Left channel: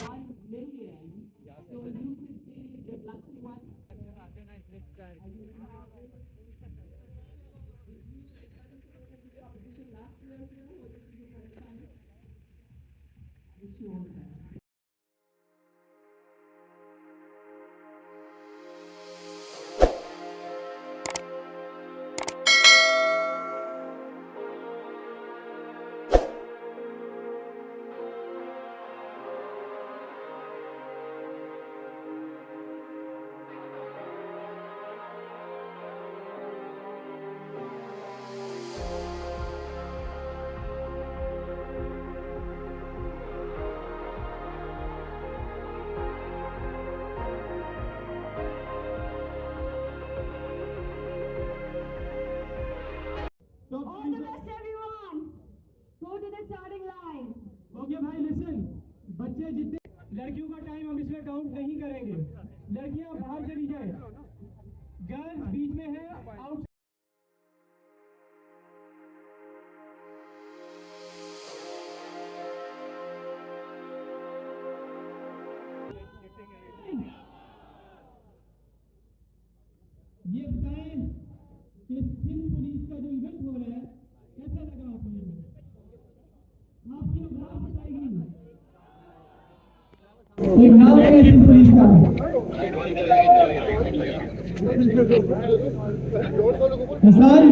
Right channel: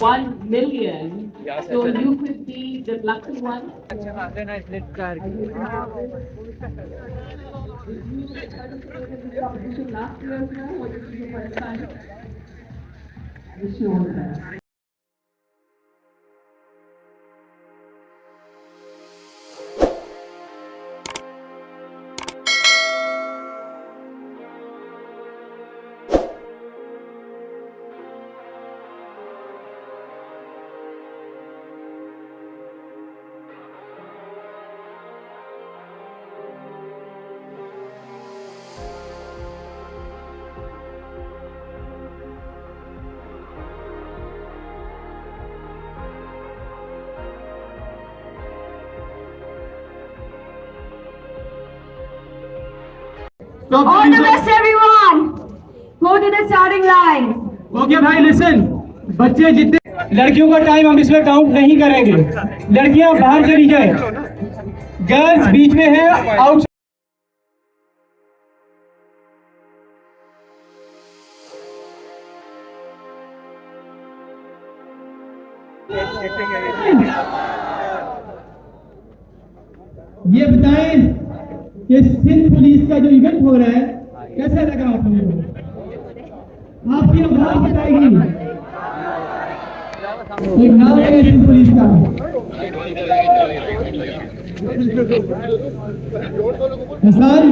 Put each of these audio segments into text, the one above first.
1 million. So you could be the lucky one. Last year as well, or this is your first time? Wish you all the best. All the best everyone. Go to the starting line. Okay भाई listen, बच्चे जितने लड़कियों का time हम इसमें count नहीं करेंगे। लड़कियां बाहर चली जाए, गर्ल्स बीच में है, आउट। ये बताएं कि सिंध पुलिस का जो इवेंट हो रहा है कैसा लगा आप लोगों को? आपकी आवाज बताएगी। एक नाम है सिंध पुलिस का। हसन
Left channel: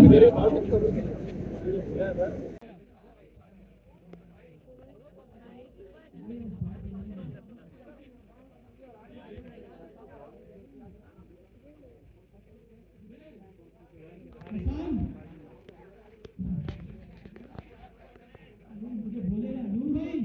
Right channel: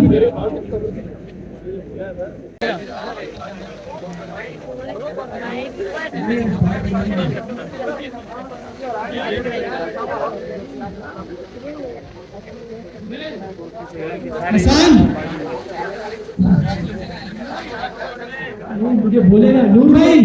हसन मुझे बोले ना नूर भाई।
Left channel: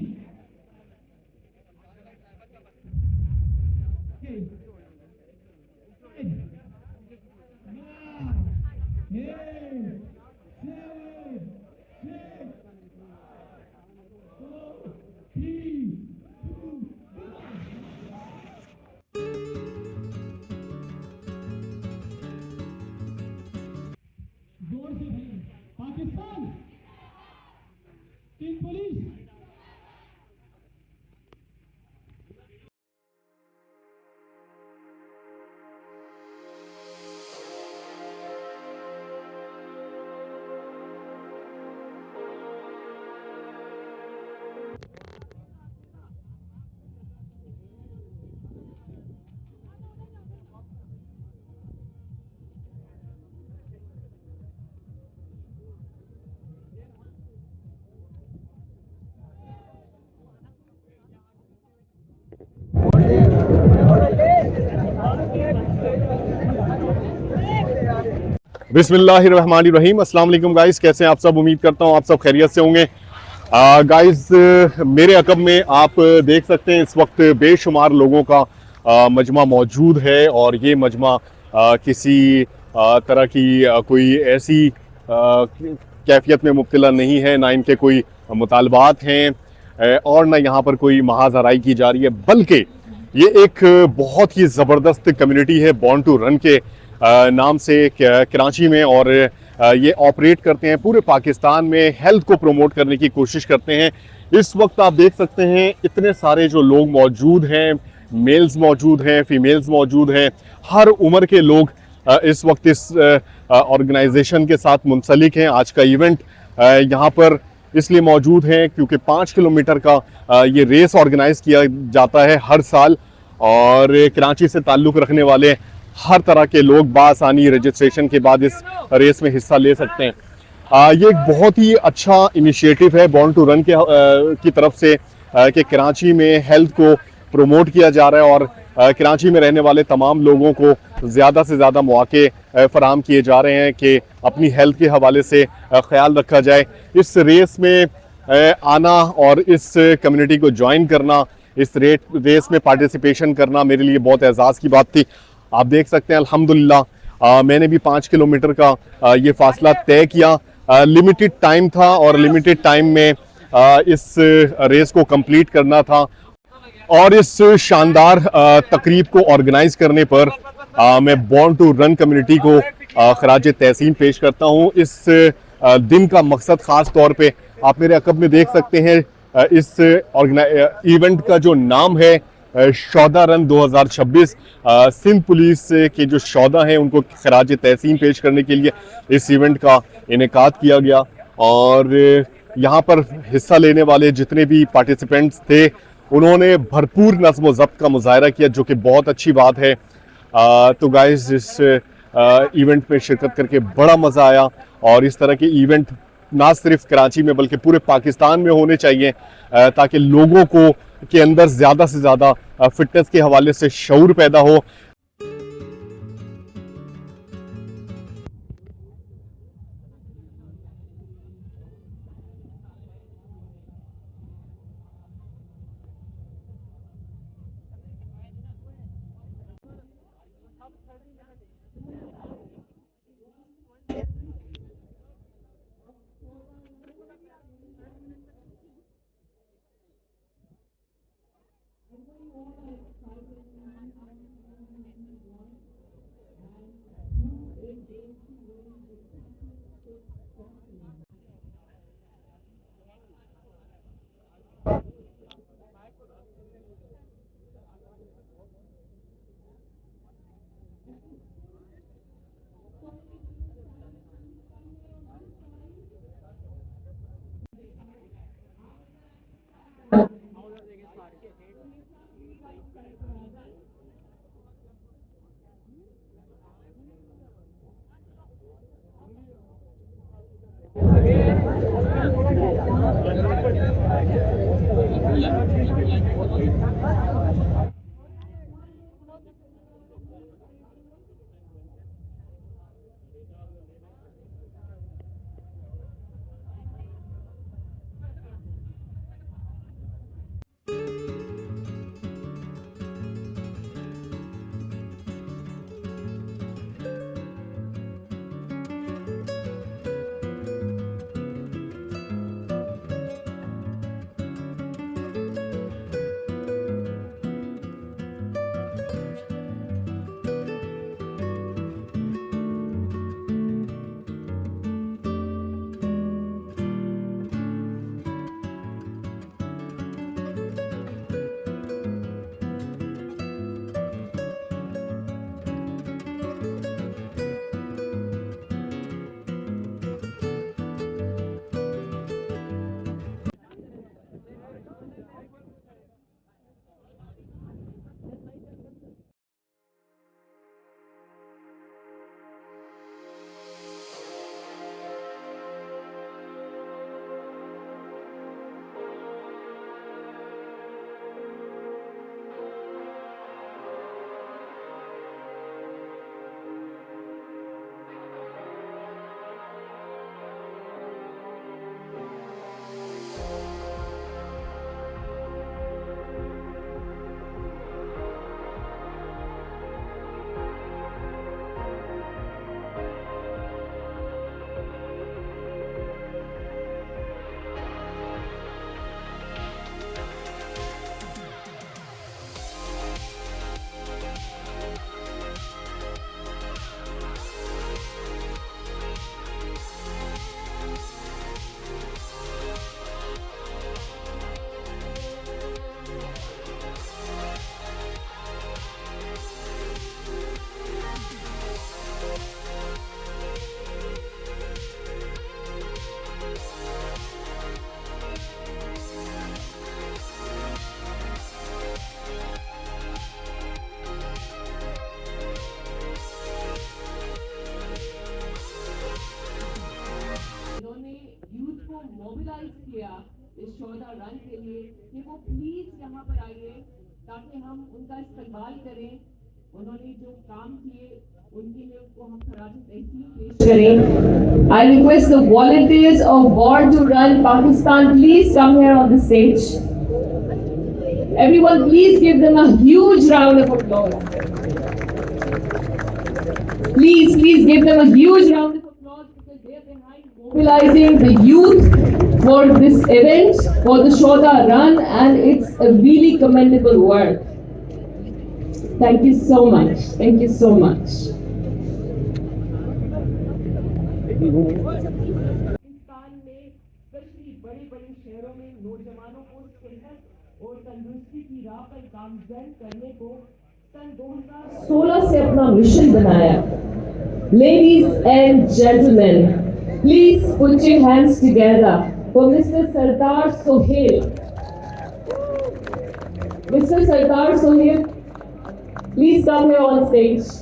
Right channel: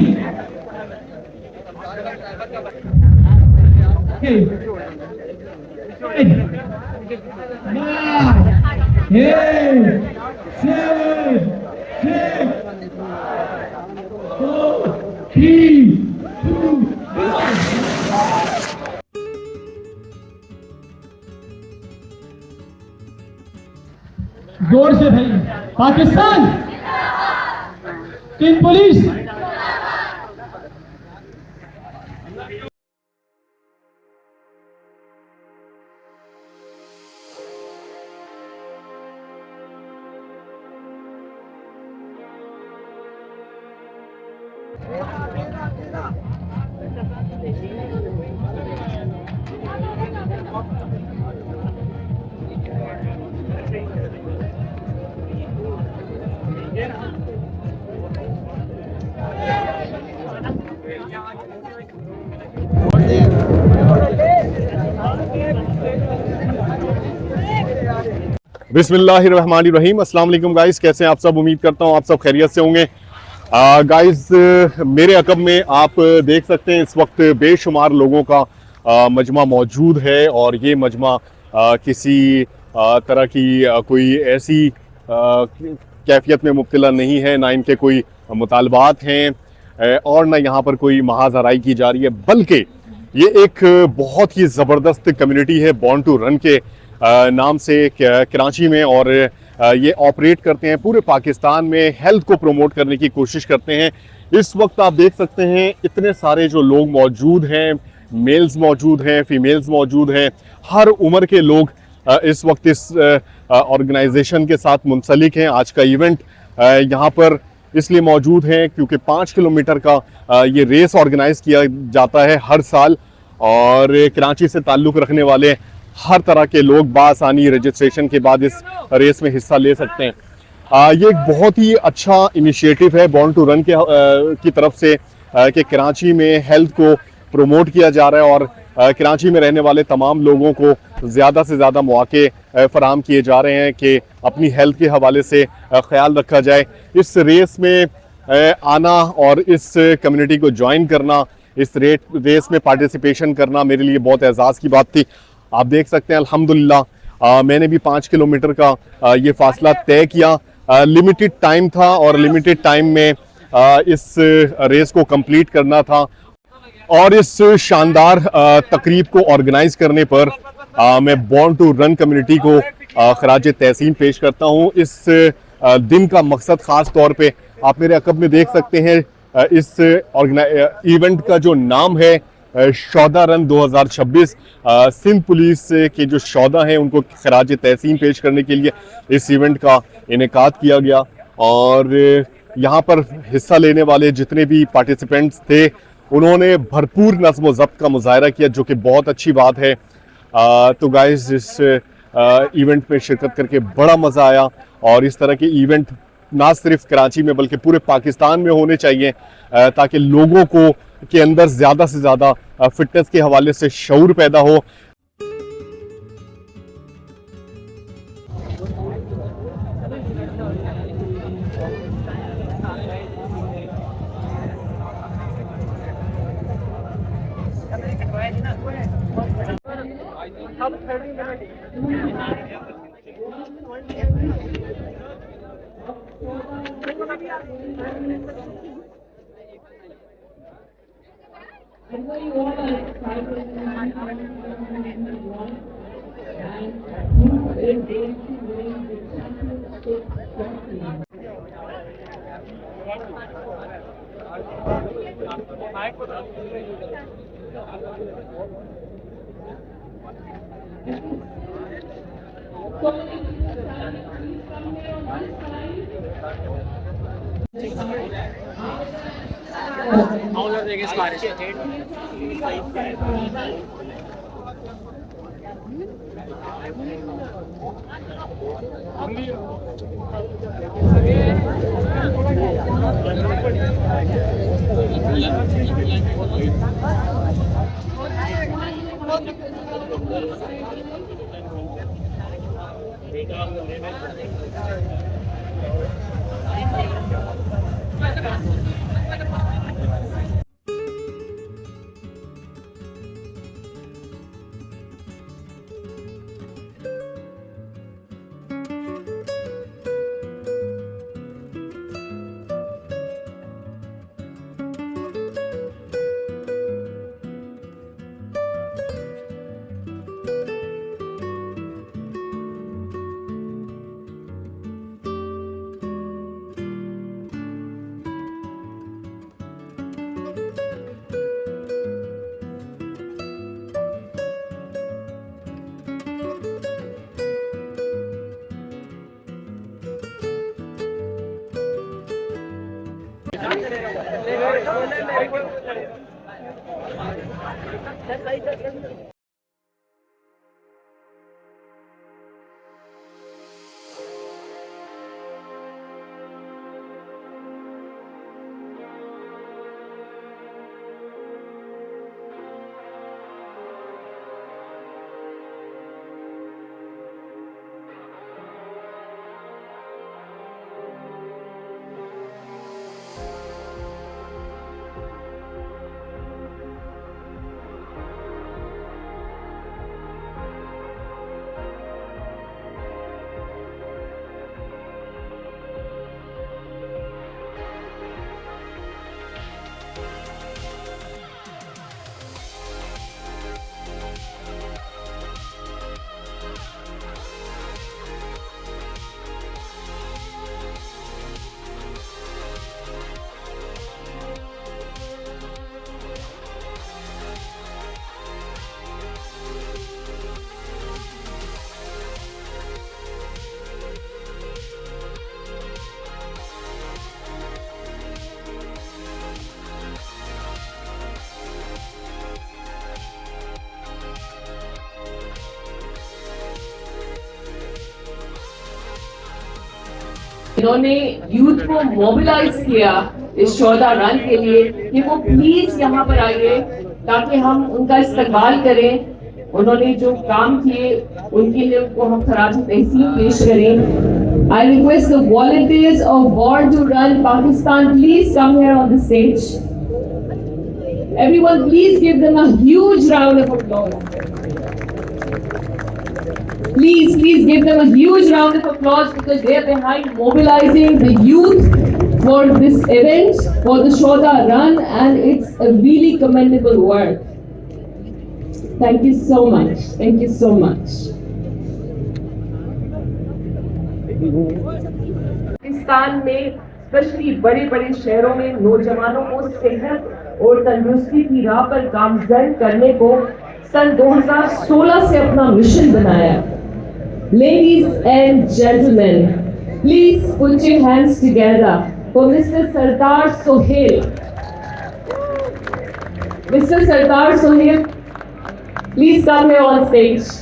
जोर से भाई। पाकिस्तान सिंध पुलिस। बिस्मिल्लाहिर्रहमानिर्रहीम। अस्सलाम वालेकुम गाइस, कैसे हैं आप सब? उम्मीद करता हूँ आप सब खैरियत से होंगे। गाइस मेरे अकब में आप देख सकते हैं इस वक्त बेशुमार लोगों का मजमा मौजूद है और ये मजमा किसी तरह की कोई ऐसी कैफियत में मुब्तला नहीं है, ना इनके कोई मुतालबात हैं और ना यहाँ पर कोई महाजराई की जा रही है, बल्कि ये एक बहुत ही ज़बरदस्त कम्युनिटी है बॉर्न टू रन के नाम से कराची में, और ये ऑपरेट करते हैं पूरे पाकिस्तान में, हेल्थ को प्रमोट करने की कोशिश करते हैं। इस वक्त आप देख सकते हैं इतने सारे जो लोग मौजूद हैं, मेल्स मौजूद हैं, फीमेल्स मौजूद हैं, हर उम्र के लोग इस वक्त इस ऑर्गेनाइजेशन के साथ मुंसलिक हैं। आज का इवेंट यहाँ पर इसलिए मौजूद है क्योंकि 5 किलोमीटर का ये रेस ऑर्गेनाइज किया जाता है हर साल, और कराची से ताल्लुक़ रखने वाले हर तरह के लोग बासानी रजिस्ट्रेशन के बाद इस रेस में हिस्सा ले सकते हैं। ये एक बहुत ही अच्छा इनिशिएटिव है बॉर्न टू रन की तरफ से कि कराची में हेल्थ को प्रमोट किया जा रहा है और कराची में रहने वाले तमाम लोगों को ज़्यादा से ज़्यादा मौके फराहम किए जा रहे हैं कि अपनी हेल्थ के हवाले से ख्याल रखा जाए। इस रेस में आना और इस कम्युनिटी को ज्वाइन करना, इस रेस में पार्टिसिपेशन करना मेरे लिए बहुत एजाज़ की बात थी। आप देख सकते हैं अल्हम्दुलिल्लाह मैंने भी 5 किलोमीटर का ये फासला तय किया। लिमिटेड टाइम था और लिमिटेड टाइम में इस रेस को कंप्लीट करना था, और इस शानदार तकरीब को ऑर्गेनाइज करने पर मैं बॉर्न टू रन कम्युनिटी को खराज तहसीन पेश करता हूँ। इस दिन का मकसद ख़ास तौर पे आप मेरे अकब में देख सकते हैं, इस इवेंट का जो नाम है शौदा रन 2026। सिंध पुलिस के जो शौदा हैं उनको खराज तहसीन पेश करने के लिए इस इवेंट का इनेकाद किया गया और यहाँ पर हिस्सा लेने वाले जितने भी पार्टिसिपेंट्स थे उन्होंने भरपूर नज़्म व ज़ब्त का मुजाहरा किया, जो कि बहुत अच्छी बात है। तो गाइस इस इवेंट में शिरकत करके बड़ा मज़ा आया और इस तरह के इवेंट ना सिर्फ कराची में बल्कि पूरे पाकिस्तान में होने चाहिए ताकि लोगों को के अंदर ज़्यादा से ज़्यादा फिटनेस के हवाले से शऊर पैदा हो। I know you all are excited and want and who is going to win the championship trophy. So please come here on this इन्होंने यूथ को मोबिलाइज किया इस शौदा रन के लिए कि वो प्लीज यहाँ पर आइए ताकि हम उनका इस्तकबाल करें। उन्होंने जो काम किए उनके लिए उनको हम खराज तहसीन पेश करें। I request the volunteers of Born to Run Pakistan, please come here on the stage. Everyone, please give them a huge round of applause. Please give them a huge round of applause because they are behind mobilizing the youth for this event, for the Shauda Run, and it's a really commendable work. Thank you so much. Thank you so much. Pakistan में specially बड़े बड़े शहरों में नौजवानों को सेहत और तंदुरुस्ती की राह पर गामजन करने को सन 2016 से अपना मिशन बनाया। Ladies and gentlemen, please put your hands together for Mr. Sardar Sohail. Mr. Sardar Sohail, please come here on stage.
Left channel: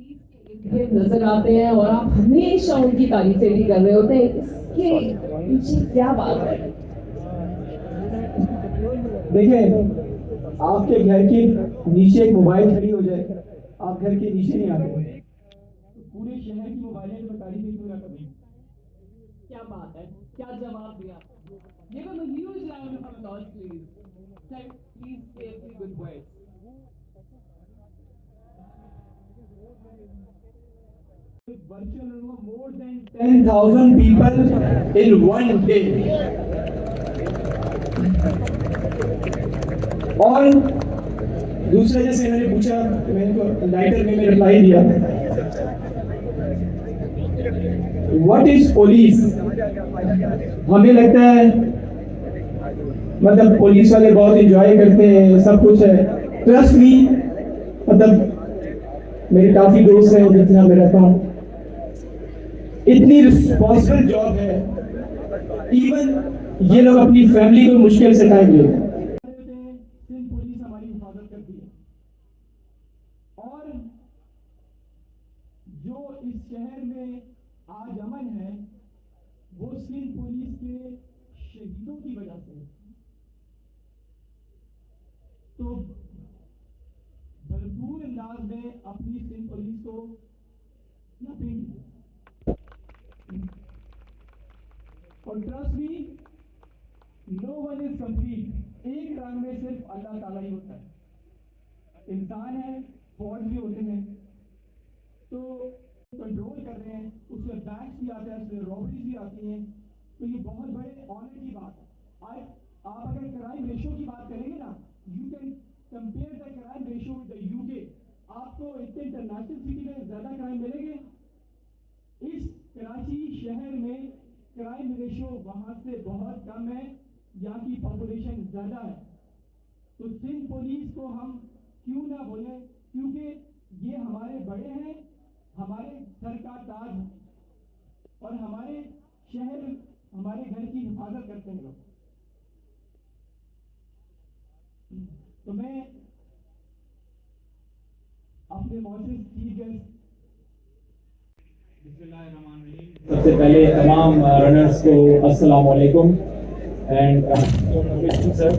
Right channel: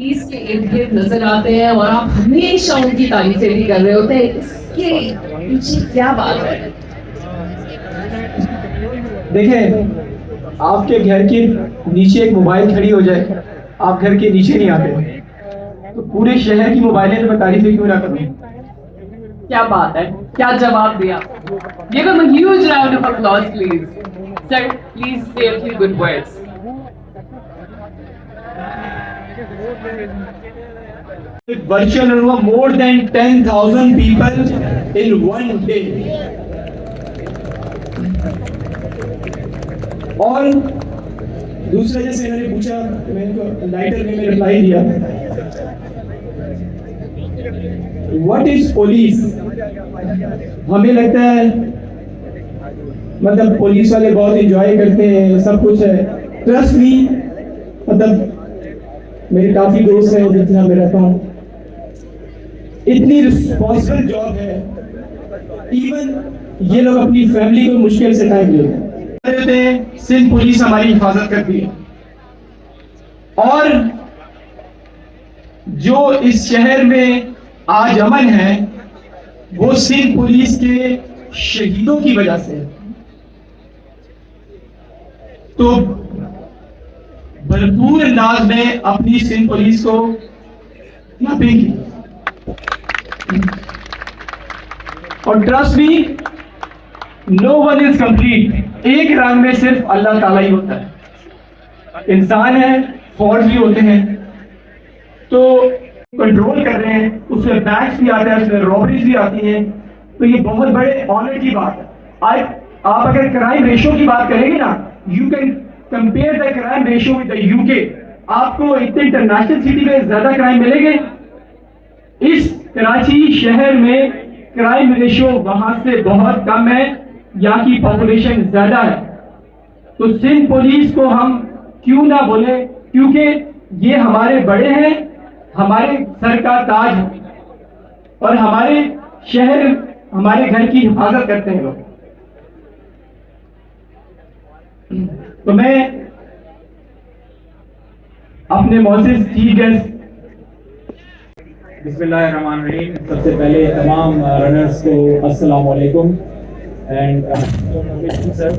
इसके इर्द गिर्द नजर आते हैं और आप हमेशा उनकी तारीफें भी कर रहे होते हैं, इसके पीछे क्या बात है? देखें, आपके घर के नीचे एक मोबाइल खड़ी हो जाए, आप घर के नीचे नहीं आते, तो पूरे शहर की मोबाइलें तो मैं तारीफें क्यों ना करूं? क्या बात है, क्या जवाब दिया? Give him a huge round of applause, please. Sir, please say a few good words. Virtual हुआ more than 10,000 people in one day. और दूसरा, जैसे मैंने पूछा, मैंने लाइटर में रिप्लाई दिया, व्हाट इज पुलिस? हमें लगता है मतलब पुलिस वाले बहुत एंजॉय करते हैं, सब कुछ है। ट्रस्ट मी, मतलब मेरे काफी दोस्त हैं जिनके यहाँ मैं रहता हूँ, इतनी रिस्पॉन्सिबल जॉब है, इवन ये लोग अपनी फैमिली को मुश्किल से टाइम देते हैं। सिंध पुलिस हमारी हिफाजत करती है, और जो इस शहर में आज अमन है वो सिंध पुलिस के शहीदों की वजह से है। तो भरपूर अंदाज में अपनी सिंध पुलिस को मापेंगे, और trust me, no one is complete. एक रंग में सिर्फ अल्लाह ताला ही होता है। इंसान है, फॉल्ट भी होते हैं, तो कंट्रोल कर रहे हैं, उसमें बैग्स भी आते हैं, उसमें रॉबरीज भी आती हैं, तो ये बहुत बड़े ऑनर की बात है। आप अगर क्राइम रेशो की बात करेंगे ना, you can compare the crime ratio with the UK. आपको इतने इंटरनेशनल सिटी में ज्यादा क्राइम मिलेंगे, इस कराची शहर में क्राइम रेशो वहां से बहुत कम है, यहाँ की पॉपुलेशन ज्यादा है। तो सिंध पुलिस को हम क्यों ना बोले, क्योंकि ये हमारे बड़े हैं, हमारे सर का ताज है, और हमारे शहर, हमारे घर की हिफाजत करते हैं लोग। तो मैं अपने मौजूद चीफ गेस्ट, बिस्मिल्लाहिर्रहमानिर्रहीम, सबसे पहले तमाम रनर्स को अस्सलाम वालेकुम एंड सर,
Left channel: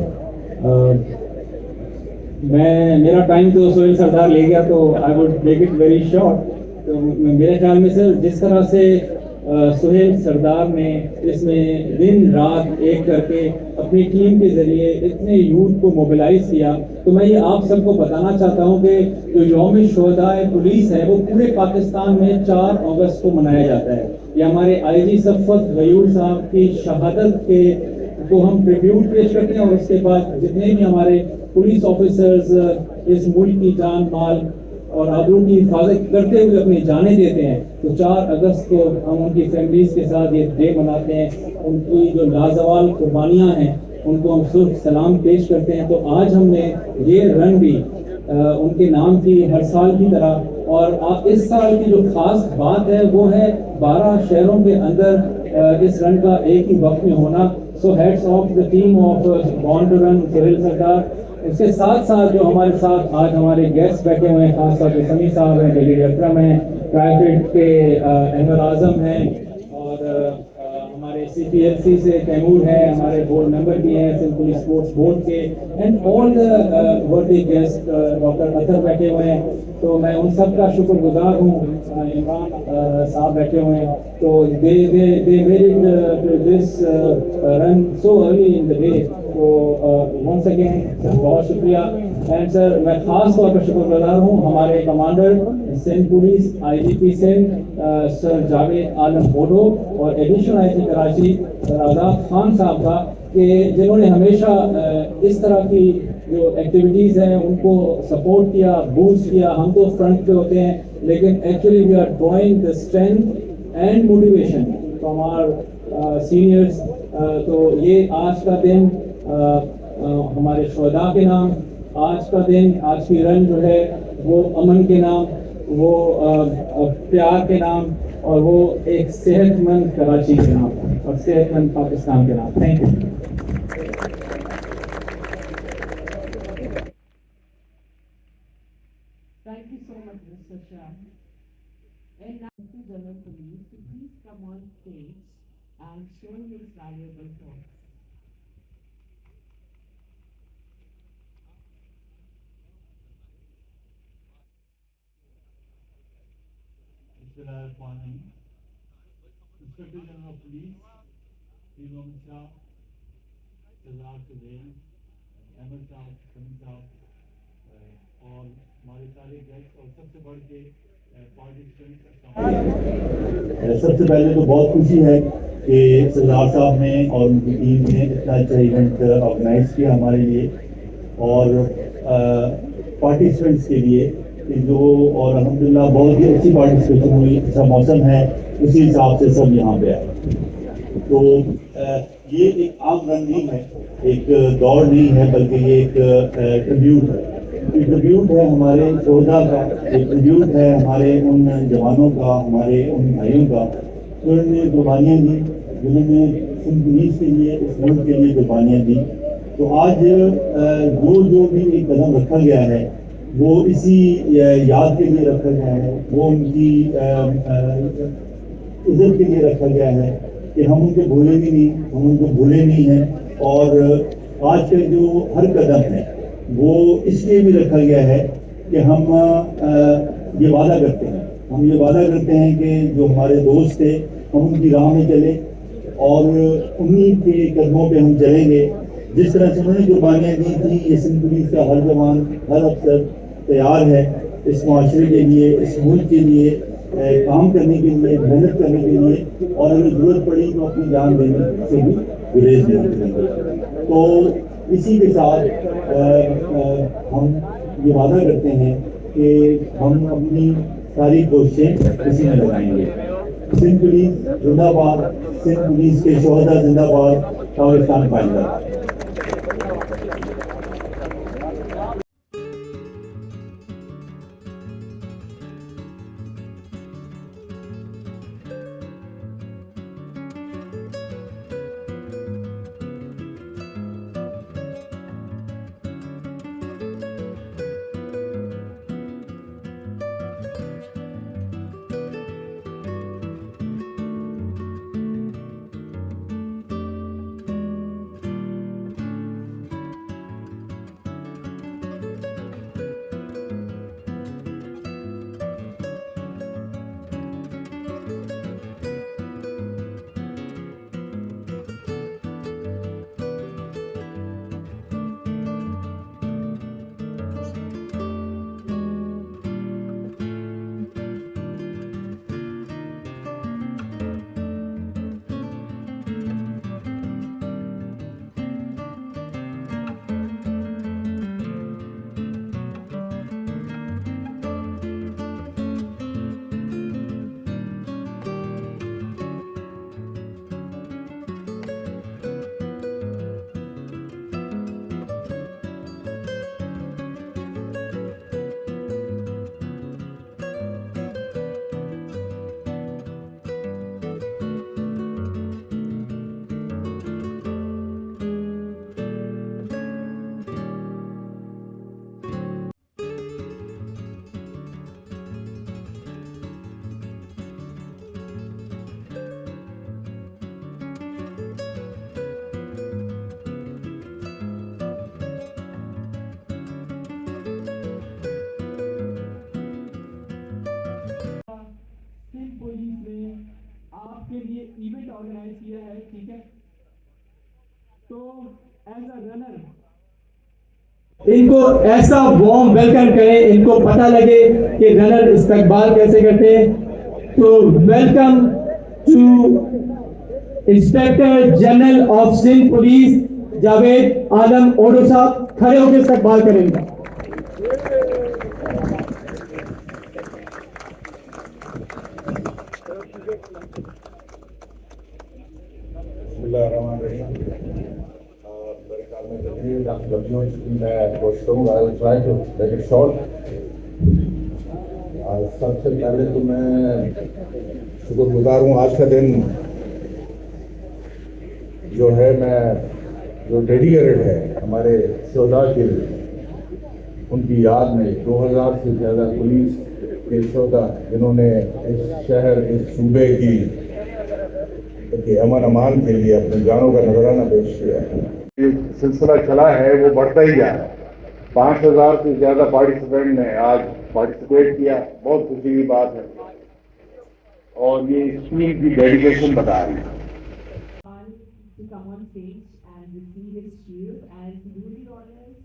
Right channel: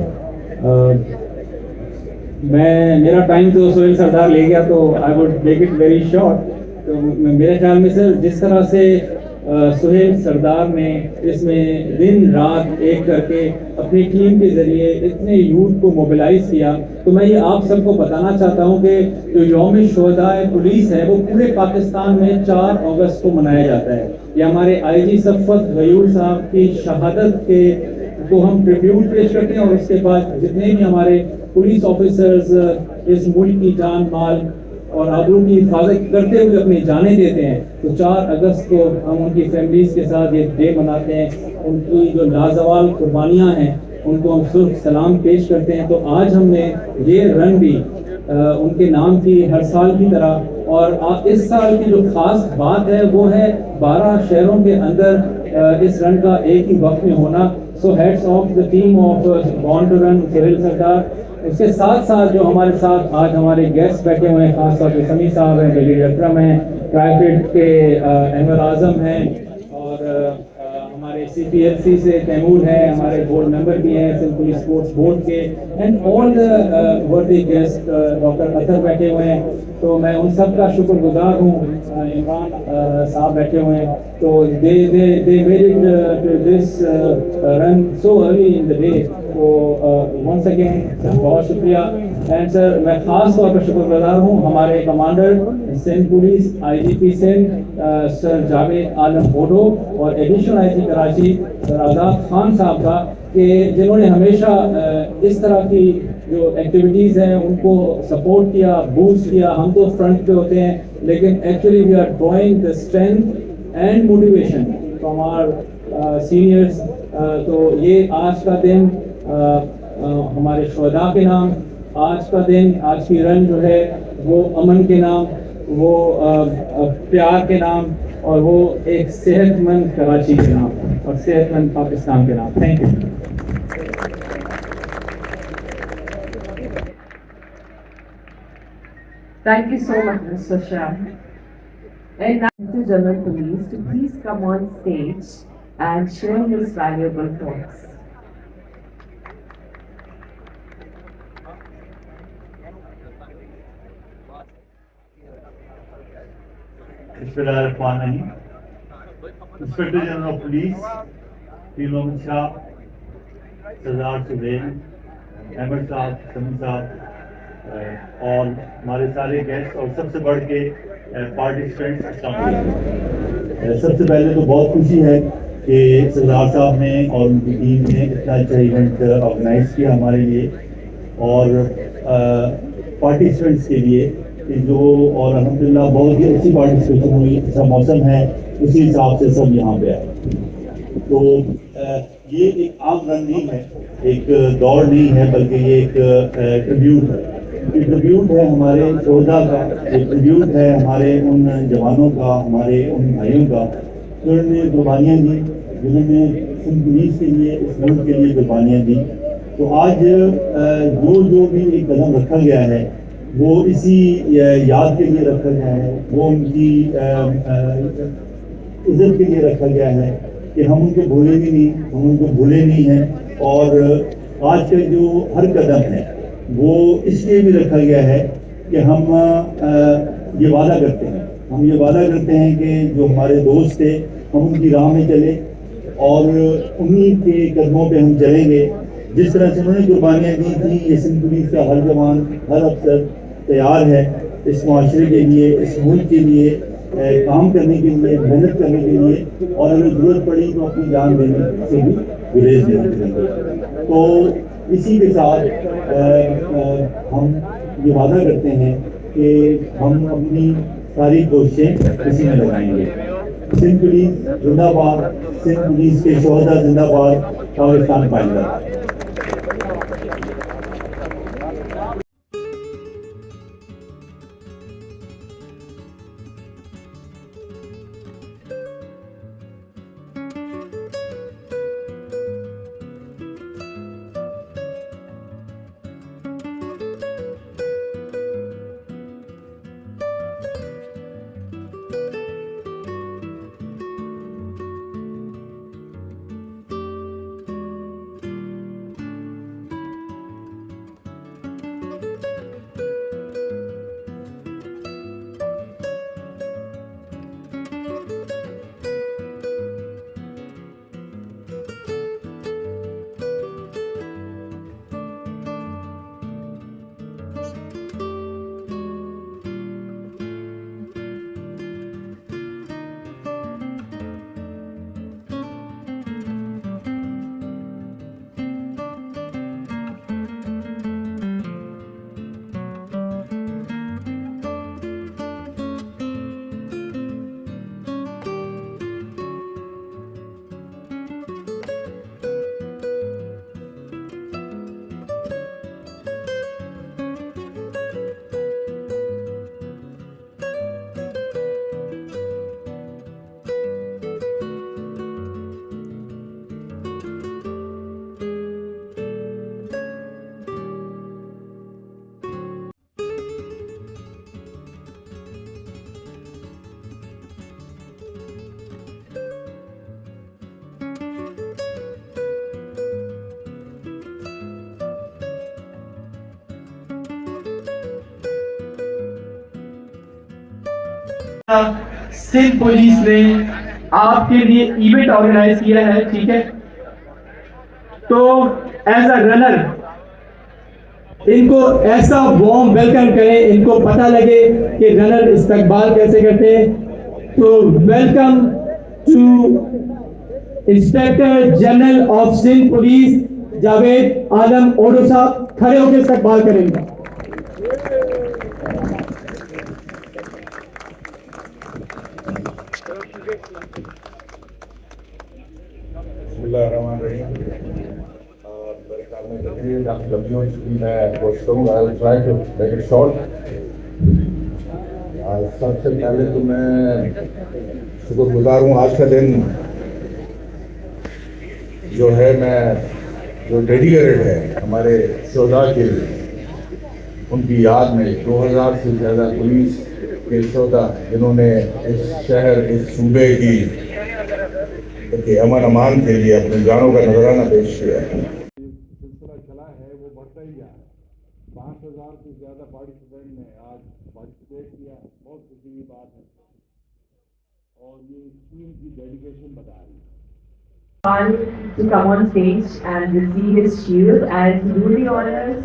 मेरा टाइम तो सोहेल सरदार ले गया, तो I would make it very short. तो मेरे ख्याल में सर, जिस तरह से सोहेल सरदार ने इसमें दिन रात एक करके अपनी टीम के जरिए इतने यूथ को मोबिलाइज किया, तो मैं ये आप सबको बताना चाहता हूँ कि जो यौम शुहदाए पुलिस है वो पूरे पाकिस्तान में 4 अगस्त को मनाया जाता है। ये हमारे आईजी सफ़त गयूर साहब की शहादत के को हम ट्रिब्यूट पेश करते हैं, और उसके बाद जितने भी हमारे पुलिस ऑफिसर्स इस मुल्क की जान माल और आबरू की हिफाजत करते हुए अपनी जानें देते हैं, तो 4 अगस्त को हम उनकी फैमिलीज के साथ एक डे मनाते हैं। उनकी जो लाजवाल कुर्बानियाँ हैं उनको हम सुर्ख सलाम पेश करते हैं। तो आज हमने ये रन भी उनके नाम की हर साल की तरह, और इस साल की जो खास बात है वो है 12 शहरों के अंदर इस रन का एक ही वक्त में होना। So heads of the team of born to run Sohail Sardar. इसके साथ साथ जो हमारे साथ आज हमारे गेस्ट बैठे हुए हैं, खासतौर पर समी साहब हैं, जलील अकरम हैं, प्राइवेट के अहमद आजम हैं, और हमारे CPLC से तैमूर है, हमारे बोर्ड मेंबर भी हैं सिंध पुलिस स्पोर्ट्स बोर्ड के, एंड ऑल वर्दी गेस्ट डॉक्टर अतर बैठे हुए हैं। तो मैं उन सब का शुक्रगुजार हूँ। इमरान साहब बैठे हुए हैं, तो they made it to this run so early in the day. तो वंस अगेन बहुत शुक्रिया। एंड सर, मैं खास तौर पर शुक्रगुजार हूँ हमारे commander Sindh police IGP Sindh sir Javed Alam बोडो और additional IGP Karachi sir Azad Khan sahab का, कि जिन्होंने हमेशा इस तरह की जो एक्टिविटीज़ हैं उनको सपोर्ट किया, बूस्ट किया। हम तो फ्रंट पे होते हैं, लेकिन actually we are drawing the strength and motivation from our seniors. तो ये आज का दिन हमारे शोहदा के नाम, आज का दिन, आज की रन जो है वो अमन के नाम, वो प्यार के नाम, और वो एक सेहतमंद कराची के नाम और सेहतमंद पाकिस्तान के नाम। Thank you. Thank you so much, Mr. Shah. And now to General Police to please come on stage and share his valuable thoughts. बिस्मिल्लाहिर्रहमानिर्रहीम। इंस्पेक्टर जनरल ऑफ पुलिस पीर मोहम्मद शाह, सरदार सुहेल, अहमद साहब, समी साहब और हमारे सारे गेस्ट और सबसे बढ़ के पार्टिसिपेंट्स, सबसे पहले तो बहुत खुशी है कि सरदार साहब ने और उनकी टीम ने इतना अच्छा इवेंट ऑर्गेनाइज किया हमारे लिए और पार्टिसिपेंट्स के लिए जो, और अल्हम्दुलिल्लाह बहुत ही अच्छी पार्टिसिपेशन हुई। अच्छा मौसम है, उसी हिसाब से सब यहाँ पे आए। तो ये एक आम रन नहीं है, एक दौड़ नहीं है, बल्कि ये एक ट्रिब्यूट है। ये ट्रिब्यूट है हमारे शोहदा का, ये ट्रिब्यूट है हमारे उन जवानों का, हमारे उन भाइयों का जिन्होंने कुर्बानियाँ दी, जिन्होंने सिंध पुलिस के लिए, इस मुल्क के लिए कुर्बानियाँ दी। तो आज जो भी एक कदम रखा गया है वो इसी याद के लिए रखा गया है, वो उनकी इज्जत के लिए रखा गया है कि हम उनको भूलेंगे नहीं, हम उनको भूले नहीं हैं। और आज का जो हर कदम है वो इसलिए भी रखा गया है कि हम ये वादा करते हैं, कि जो हमारे दोस्त थे हम उनकी राह में चले और उन्हीं के कदमों पे हम चलेंगे। जिस तरह से उन्होंने कुर्बानियाँ दी थी, ये सिंध पुलिस का हर जवान, हर अफसर तैयार है इस माशरे के लिए, इस मुल्क के लिए काम करने के लिए, मेहनत करने के लिए, और अगर जरूरत पड़ी तो अपनी जान देने से भी गुरेज नहीं करेंगे। तो इसी के साथ हम ये वादा करते हैं कि हम अपनी सारी कोशिशें इसी में लगाएंगे। सिंध पुलिस जिंदाबाद, सिंध पुलिस के शोहदा जिंदाबाद, पाकिस्तान पाइंदा। सिंध पुलिस ने आपके लिए इवेंट ऑर्गेनाइज किया है, ठीक है। तो एज अ रनर इनको ऐसा वार्म वेलकम करें, इनको पता लगे कि रनर इस्तकबाल कैसे करते हैं। तो welcome to inspector general of Sindh police Javed Alam Odho sahab खड़े होकर इस्तकबाल करेंगे। सबसे पहले तो मैं शुक्रगुजार हूँ आज का दिन जो है मैं जो डेडिकेटेड है हमारे शोधा के लिए, उनकी याद में 2000 से ज़्यादा पुलिस के शोधा जिन्होंने इस शहर इस सूबे की अमन अमान के लिए अपने जानों का नजराना पेश किया है। ये सिलसिला चला है वो बढ़ता ही जा रहा है। 5000 से ज़्यादा पार्टिसिपेंट ने आज पार्टिसिपेट किया, बहुत खुशी की बात है और ये स्कूल की डेडिकेशन बता रही है। To come on stage and receive his shield and to do the honors,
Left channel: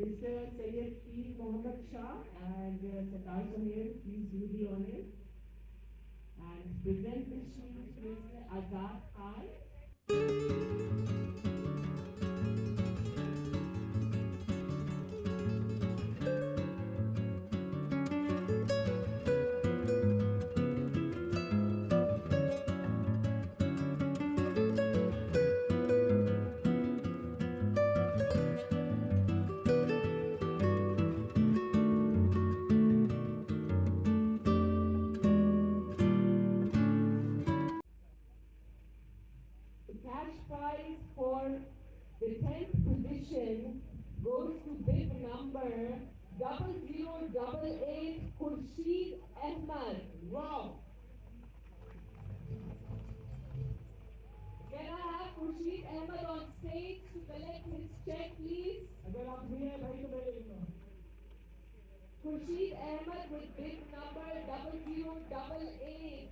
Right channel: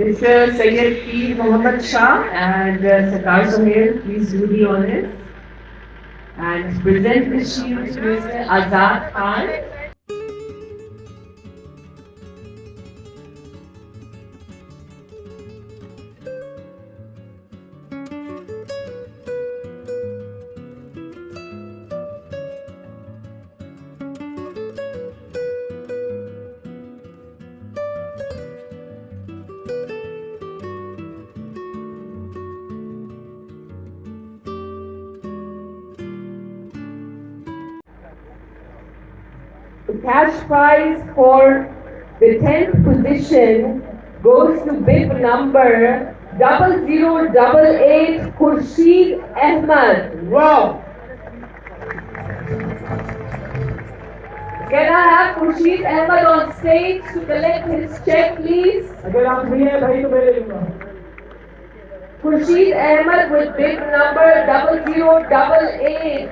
Mr. Syed P. Mohammad Shah and Sarkar Sohail, please do the honors and present the shield to Mr. Azad Khan. The cash prize for the 10th position goes to bib number 0088 Khurshid Ahmed. Wow! Can I have Khurshid Ahmed on stage to collect his check, please? अगर आप भी हैं भाई तो मैं ले लूँगा। Khurshid Ahmed with bib number 0088.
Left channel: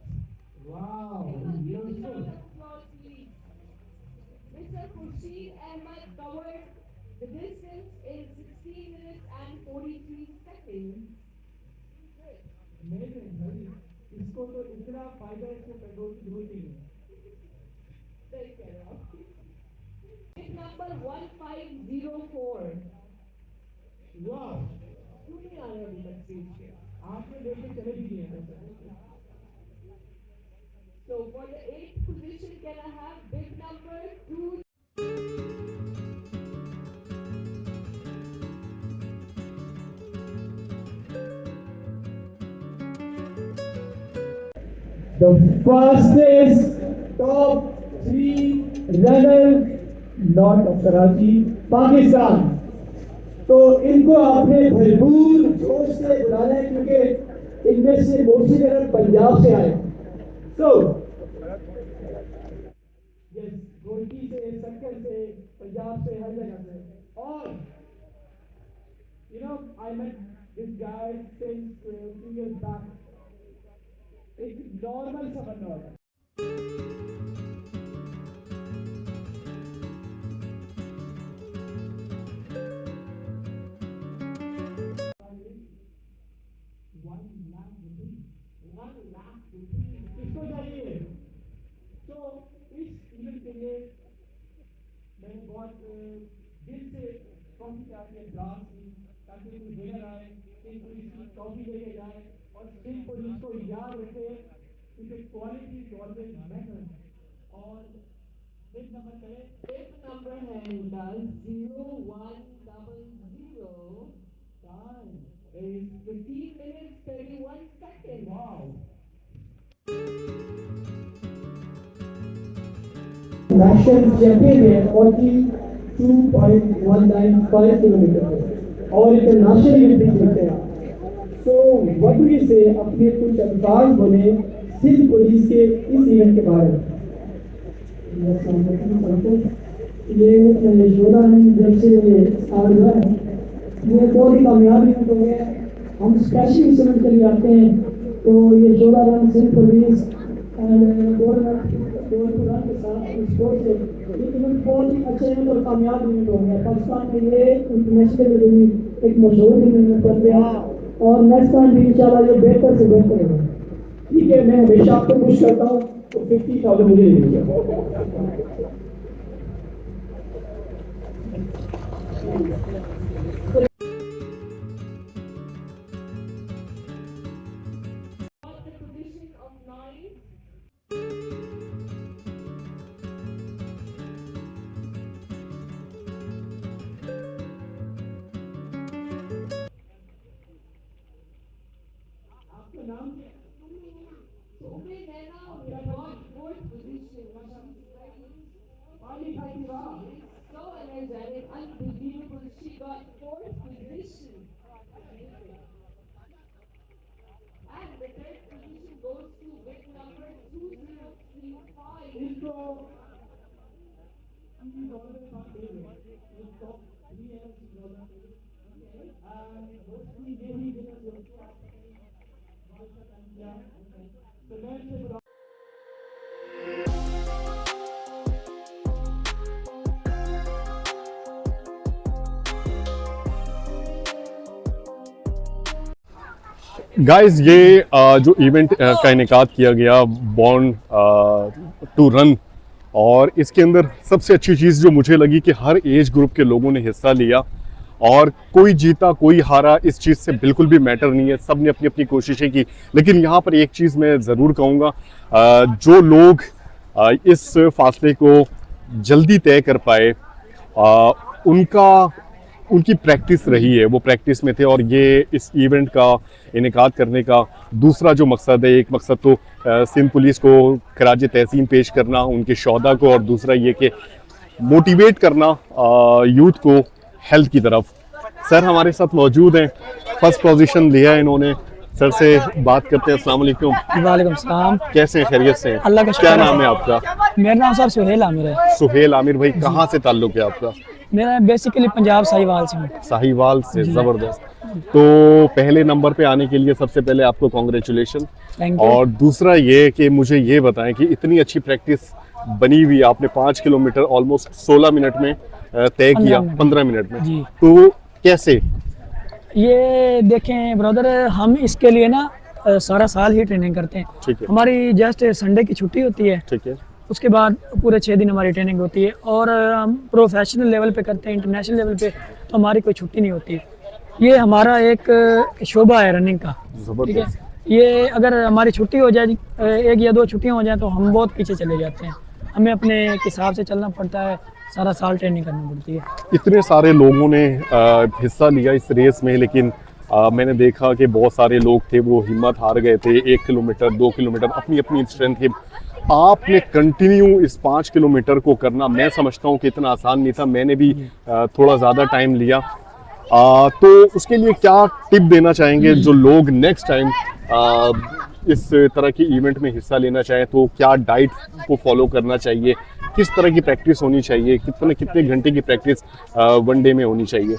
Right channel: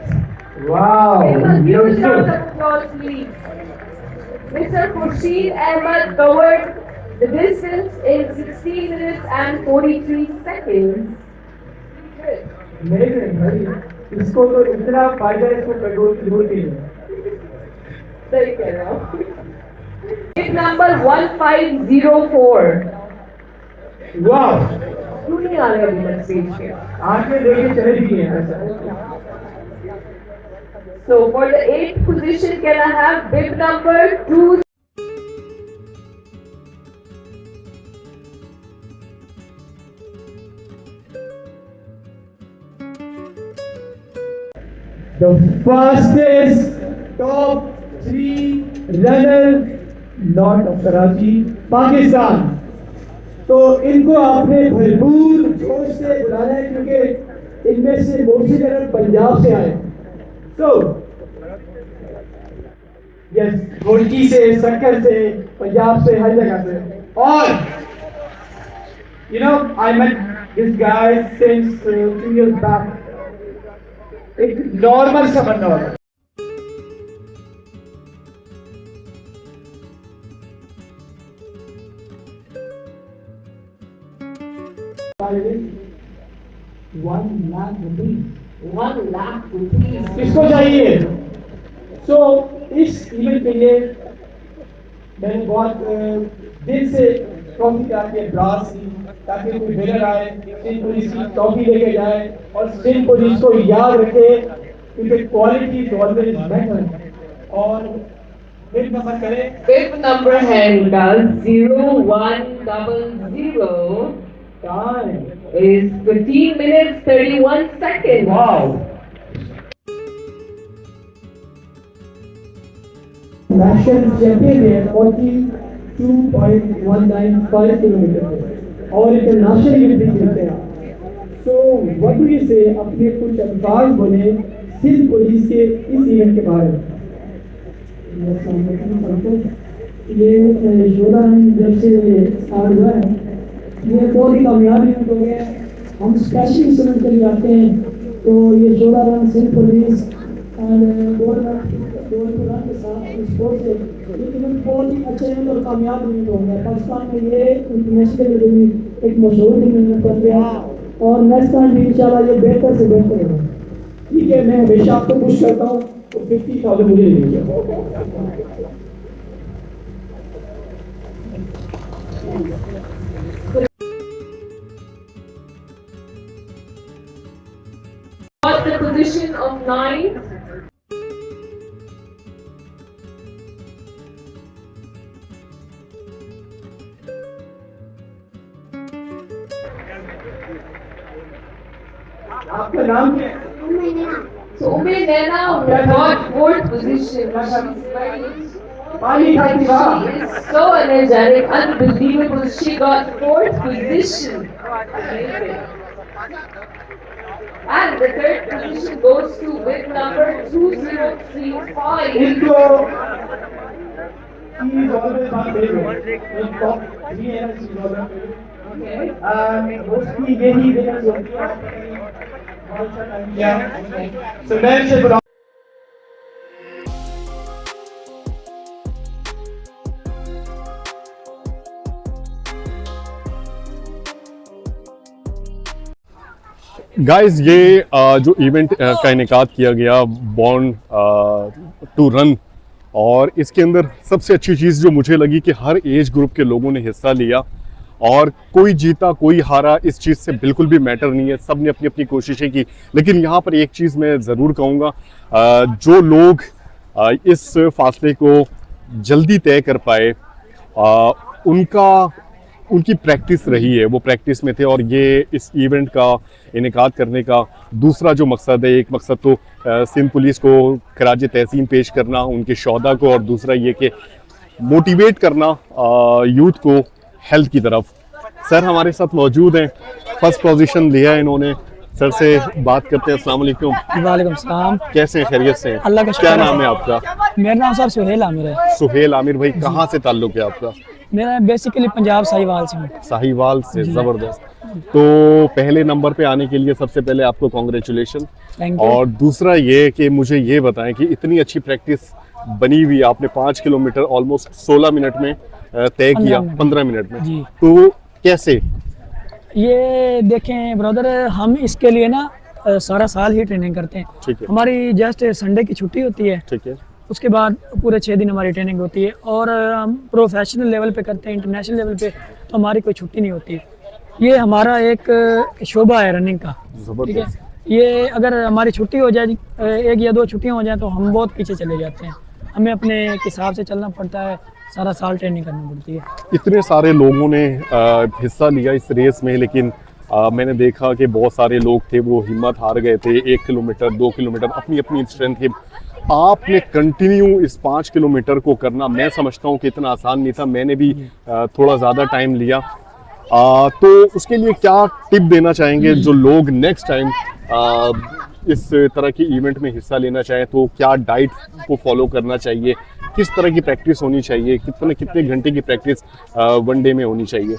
Wow! Give a round of applause, please. Mr. Khurshid Ahmed covered the distance in 16 minutes and 43 seconds. नहीं भाई, इसको तो इतना फायदा है, इसको पेट्रोल की जरूरत ही नहीं। सही कह रहा हूँ। Bib number 1504. वाह! क्यों नहीं आ रहे अभी तक स्टेज पे? आज में लेके चले भी हैं। So for the 8th position, can I have bib number 2? The fastest top 3 runner not of Karachi, Pakistan. तो इनको आपने भरपूर जोश से बुलाना है क्योंकि इनमें से मोस्टली रनर पंजाब से आए। तो यस, रुड़की से, सक्कर से, पंजाब से, हर जगह से। और you know, I met this guy since 2 years back. एक नॉर्मल सा बंदा होता है। $1 lakh rupees. किसको चाहिए? तो इस इवेंट के लिए मैंने बहुत दिल से ट्रॉफी आके ब्रास की ताकि कोई विनर आए, सिंध पुलिस की ट्रॉफी लेके जाए और सिंध पुलिस को याद रखे क्योंकि क्वालिटी इज ऑलवेज मैटर। और बिल नंबर करें। Bib number है इनका 0100. Time is 15 minutes 31 seconds. Wow! National champion है 42.195 किलोमीटर और इंटरनेशनल भी खेलते हैं। तो व्हाट डू यू से अपने कुछ अल्फाज बोले सिंध पुलिस के इस इवेंट के बारे में। ये योद्धा जब से स्टार्ट हुआ है ये बहुत ही कामयाब इवेंट हो गया। हम स्पेशली इस इवेंट के लिए आते हैं तो ये योद्धा रन सिंध पुलिस और के साथ स्पोर्ट्स से ये इवेंट बहुत ही अच्छा इवेंट और कामयाब इवेंट हो गया। पाकिस्तान के लिए इंटरनेशनल लेवल में एक मशहूर इवेंट कर गया और नेक्स्ट टाइम भी इंशाल्लाह ये बेहतर से बेहतर होगा। ठीक है, मैं हमेशा आपको खुश करता हूँ तो 50,000 मुझे ले लीजिए। Got the position of 9. आपका नाम क्या है? So Ume Naina got 4th position. पानी खाती वाह। She is so energetic, unbelievable. She got 4th position. Amazing. And the 3rd position goes to with number 2035. इनको he is always my favorite. In top 3 years she is always favorite. Okay. Mostly यही winners होती है। बहुत सा time किया। So मैं इसे बुला गाइस ये जो इवेंट का इनेकाद किया गया बॉर्न टू रन, और इसके अंदर सबसे अच्छी चीज़ जो मुझे लगी कि हर एज ग्रुप के लोगों ने हिस्सा लिया, और कोई जीता कोई हारा इस चीज़ से बिल्कुल भी मैटर नहीं है, सब ने अपनी अपनी कोशिशें की। लेकिन यहाँ पर एक चीज़ मैं ज़रूर कहूँगा, जो लोग इस फासले को जल्दी तय कर पाए उनकी प्रैक्टिस रही है, वो प्रैक्टिस में थे। और ये इस इवेंट का इनेकाद करने का दूसरा जो मकसद है, एक मकसद तो सिंध पुलिस को खराज तहसीन पेश करना उनके शोहदा को, और दूसरा ये कि मोटिवेट करना यूथ को हेल्थ की तरफ। सर हमारे साथ मौजूद हैं, फर्स्ट पोजीशन लिया है इन्होंने। सर से बात करते हैं। अस्सलाम वालेकुम। वालेकुम सलाम। कैसे हैं, खैरियत से हैं? अल्लाह का क्या शुक्र है। नाम है आपका? मेरा नाम सर सुहेल आमिर है। सुहेल आमिर भाई, कहाँ से ताल्लुक है आपका? मेरा बेसिकली पंजाब साहिवाल से हूँ। साहिवाल से, ज़बरदस्त। तो पहले नंबर पे आने के लिए सबसे पहले आपको कॉन्ग्रेचुलेशन। Thank you. और दूसरा ये कि मुझे ये बताएं कि इतनी अच्छी प्रैक्टिस बनी हुई, आपने 5 किलोमीटर ऑलमोस्ट 16 मिनट में तय किया, 15 मिनट में, जी। तो कैसे? ये देखें ब्रदर, हम इसके लिए ना सारा साल ही ट्रेनिंग करते हैं। ठीक है, हमारी जस्ट संडे की छुट्टी होती है, ठीक है, उसके बाद पूरे 6 दिन हमारी ट्रेनिंग होती है। और हम प्रोफेशनल लेवल पे करते हैं, इंटरनेशनल लेवल पे तो हमारी कोई छुट्टी नहीं होती। ये हमारा एक शोबा है रनिंग का, ठीक है। ज़बरदस्त। ये अगर हमारी छुट्टी हो जाए, 1 या 2 छुट्टियाँ हो जाए, तो हम बहुत पीछे चले जाते हैं। हमें अपने हिसाब से चलना पड़ता है, सारा साल ट्रेनिंग करनी पड़ती है। इतने सारे लोगों ने हिस्सा लिया इस रेस में, लेकिन मैंने देखा कि बहुत सारे लोग थे वो हिम्मत हार गए थे। 1 किलोमीटर 2 किलोमीटर अपनी अपनी स्ट्रेंथ के, आपने कंटिन्यू इस 5 किलोमीटर को करना, मैं समझता हूँ कि इतना आसान नहीं था। मैंने भी थोड़ा ज़्यादा टाइम लिया। तो उसके लिए क्या टिप देना चाहेंगे जो लोग नेक्स्ट टाइम इस तरह की इवेंट में हिस्सा लेना चाहें? तो क्या डाइट को फॉलो करना चाहिए, किस तरह की प्रैक्टिस होनी चाहिए, कितने घंटे की प्रैक्टिस वन डे में होनी चाहिए?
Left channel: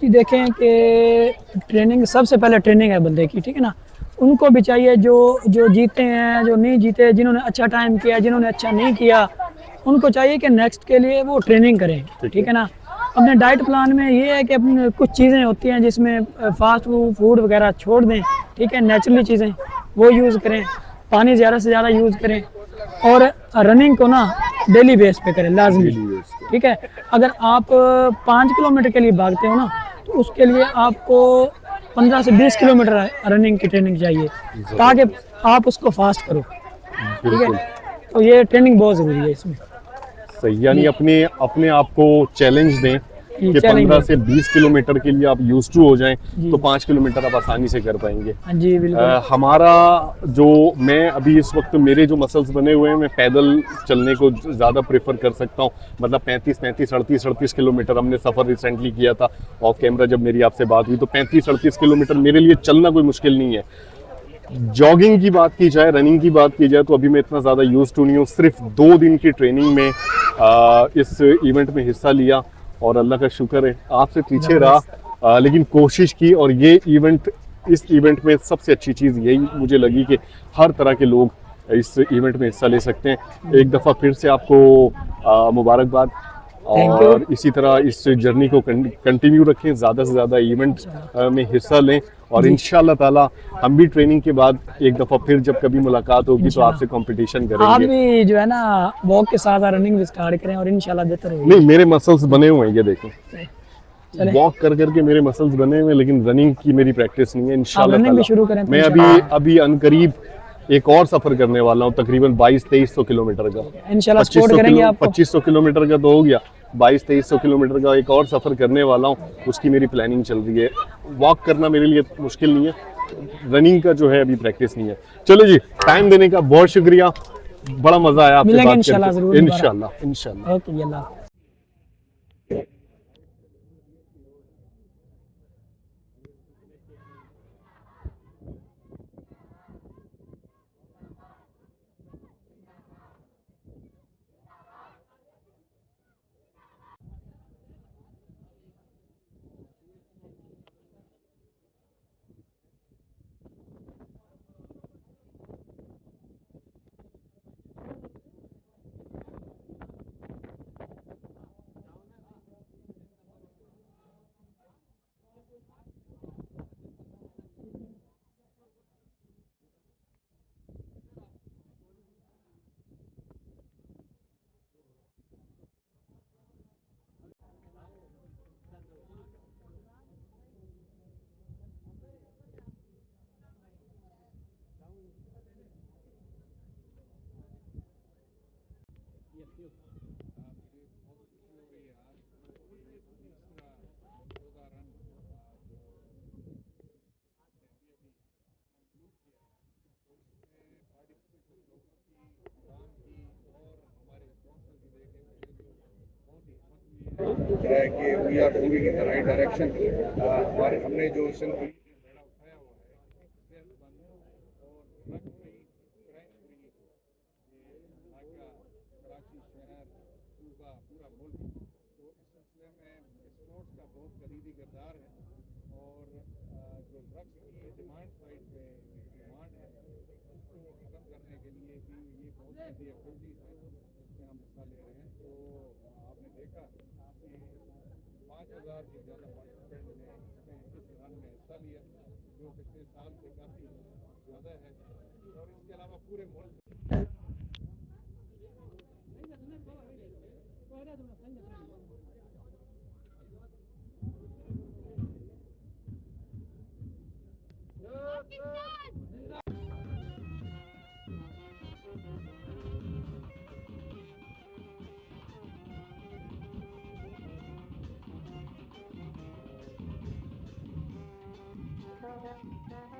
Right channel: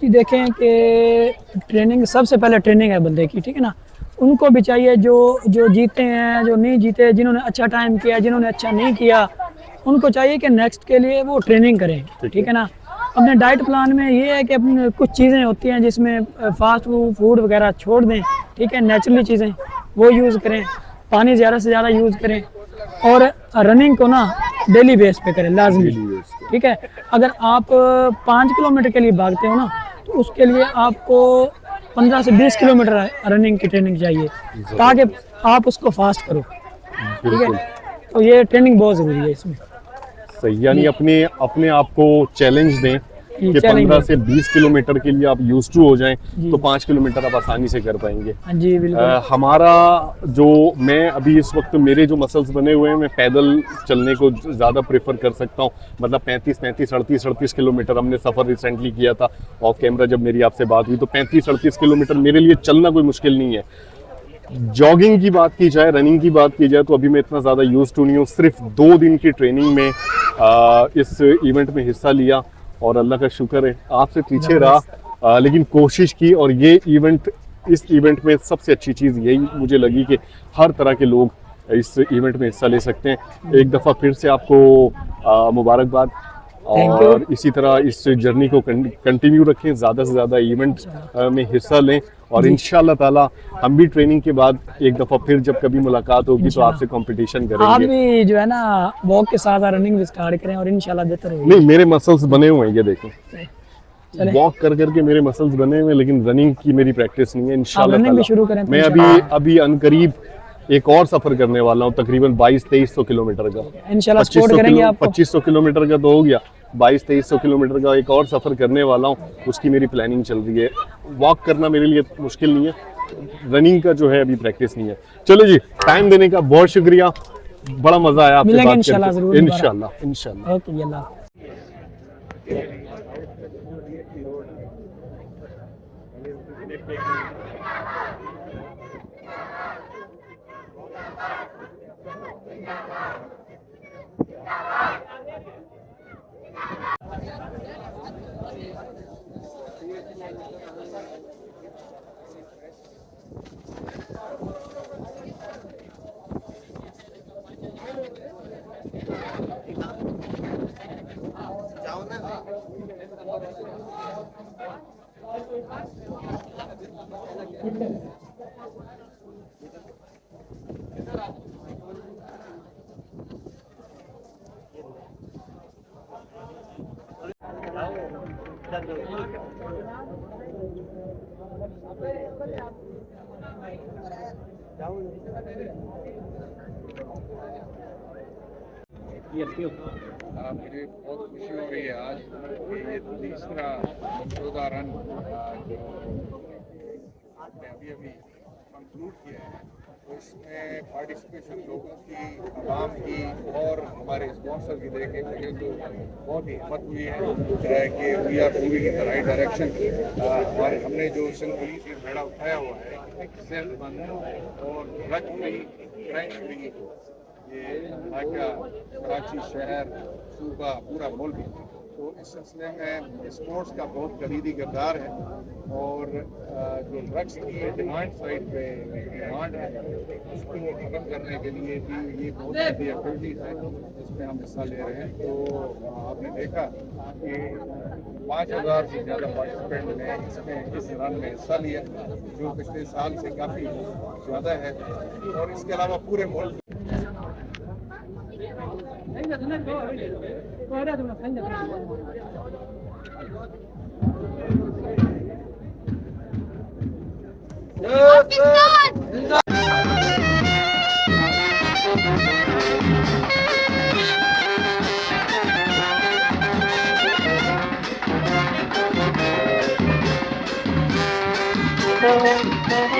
कि देखें कि ट्रेनिंग, सबसे पहले ट्रेनिंग है बंदे की, ठीक है ना। उनको भी चाहिए जो जीते हैं, जो नहीं जीते, जिन्होंने अच्छा टाइम किया, जिन्होंने अच्छा नहीं किया, उनको चाहिए कि नेक्स्ट के लिए वो ट्रेनिंग करें, ठीक है ना। अपने डाइट प्लान में ये है कि अपने कुछ चीज़ें होती हैं जिसमें फास्ट फूड वगैरह छोड़ दें, ठीक है। नेचुरली चीज़ें वो यूज़ करें, पानी ज़्यादा से ज़्यादा यूज़ करें, और रनिंग को ना डेली बेस पे करें, लाजमी, ठीक है। अगर आप 5 किलोमीटर के लिए भागते हो ना, तो उसके लिए आपको 15 से 20 किलोमीटर रनिंग की ट्रेनिंग चाहिए, ताकि आप उसको फास्ट करो, ठीक है। तो ये ट्रेनिंग बहुत ज़रूरी है इसमें। सही, यानी अपने आप को चैलेंज दें कि 15 से 20 किलोमीटर के लिए आप यूज टू हो जाएं, तो 5 किलोमीटर आप आसानी से कर पाएंगे। हाँ जी, बिल्कुल। हमारा जो, मैं अभी इस वक्त मेरे जो मसल्स बने हुए हैं, मैं पैदल चलने को ज़्यादा प्रेफर कर सकता हूँ। मतलब 35-38 किलोमीटर हमने सफ़र रिसेंटली किया था ऑफ कैमरा, जब मेरी आपसे बात हुई, तो 35-38 किलोमीटर मेरे लिए चलना कोई मुश्किल नहीं है। जॉगिंग की बात की जाए, रनिंग की बात की जाए, तो अभी मैं इतना ज़्यादा यूज टू नहीं हूँ। सिर्फ 2 दिन की ट्रेनिंग में इस इवेंट में हिस्सा लिया, और अल्लाह का शुक्र है आपसे पीछे रहा, लेकिन कोशिश की। और ये इवेंट, इस इवेंट में सबसे अच्छी चीज़ यही मुझे लगी कि हर तरह के लोग इस इवेंट में हिस्सा ले सकते हैं। एक दफ़ा फिर से आपको मुबारकबाद, और इसी तरह इस जर्नी को कंटिन्यू रखें, ज़्यादा से ज़्यादा इवेंट में हिस्सा लें, और इंशाल्लाह ताला हम भी ट्रेनिंग के बाद एक दफ़ा फिर जब कभी मुलाकात होगी तो आपसे कंपटीशन करेंगे। आप भी जो है ना वॉक के साथ रनिंग भी स्टार्ट करें, और इंशाल्लाह बेहतर होगी। नहीं, मेरे मसल्स बने हुए हैं, ये देखें, वॉक कर करके मेरे मसल्स बने हुए, लेकिन रनिंग की मेरी प्रैक्टिस नहीं है। इंशाल्लाह रनिंग भी शुरू करें तो मैं अभी अनकरीब एक और सफर करने वाला हूँ, तकरीबन 2200-2300 किलोमीटर का। इंशाल्लाह सपोर्ट करेंगे आपको। 2500 किलोमीटर का तो हो गया, 2200-2300 किलोमीटर का एक और सफर करने वाला हूँ, उसकी मेरी प्लानिंग चल रही है। वॉक करना मेरे लिए मुश्किल नहीं है, रनिंग का जो है अभी प्रैक्टिस नहीं है। चलो जी, टाइम देने का बहुत शुक्रिया, बड़ा मजा आया आपसे बात करके। इंशाल्लाह। ओके अल्लाह। मुझे बहुत खुशी हो रही है आज कि ये तीसरा मनसूबा रन जो आपने अभी कंक्लूड किया है, तो इसमें पार्टिसिपेशन लोगों की, आवाम की और हमारे स्पॉन्सर की देख के मुझे तो बहुत ही हिम्मत हुई है कि we are moving in the right direction. हमने जो सिंध पुलिस ने बेड़ा उठाया हुआ है, सेहतमंद और ड्रग फ्री, क्रैश फ्री, ये ढाका, कराची शहर, सूबा, पूरा मुल्क, तो इस सिलसिले में स्पोर्ट्स का बहुत कलीदी किरदार है। और जो ड्रग्स की डिमांड साइड पे डिमांड है, उसको ख़त्म करने के लिए भी ये बहुत बड़ी एक्टिविटीज़ है जिसमें हम हिस्सा ले रहे हैं। तो आपने देखा कि 5000 से ज़्यादा पार्टिसिपेंट ने इसमें इस रन में हिस्सा लिया, जो पिछले साल से काफ़ी ज़्यादा है। और इसके अलावा पूरे मुल्क Thank you.